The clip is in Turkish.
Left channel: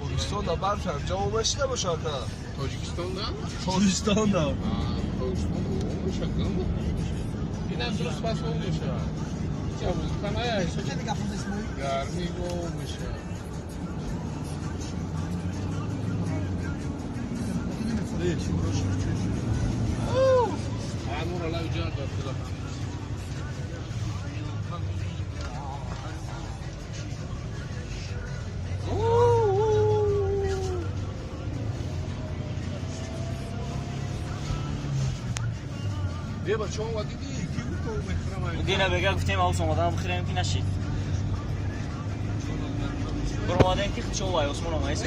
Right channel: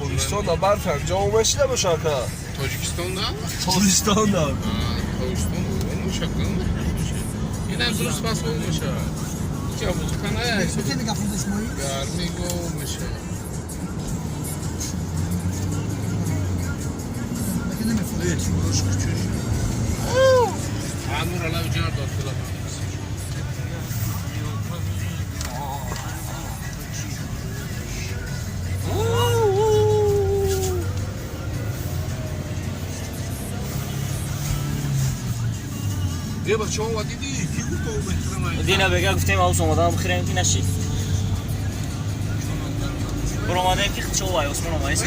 Tojikistan'da برف اینجا اومش نباشه که Tojikistan'da? Tojikistan'da Tojikistan'da olmuş hakkında. Yine Rus pas olmuş ha. İki Amerikan ayağı. Garmi olmuş ha. Anur ala ucar da. یه بچه ها دیدی یکی بود تو بکنم دینا بگه گفتیم آوس اومدن بخیره اینکه نشی برو ماده پیخ چه وای عثمان وایس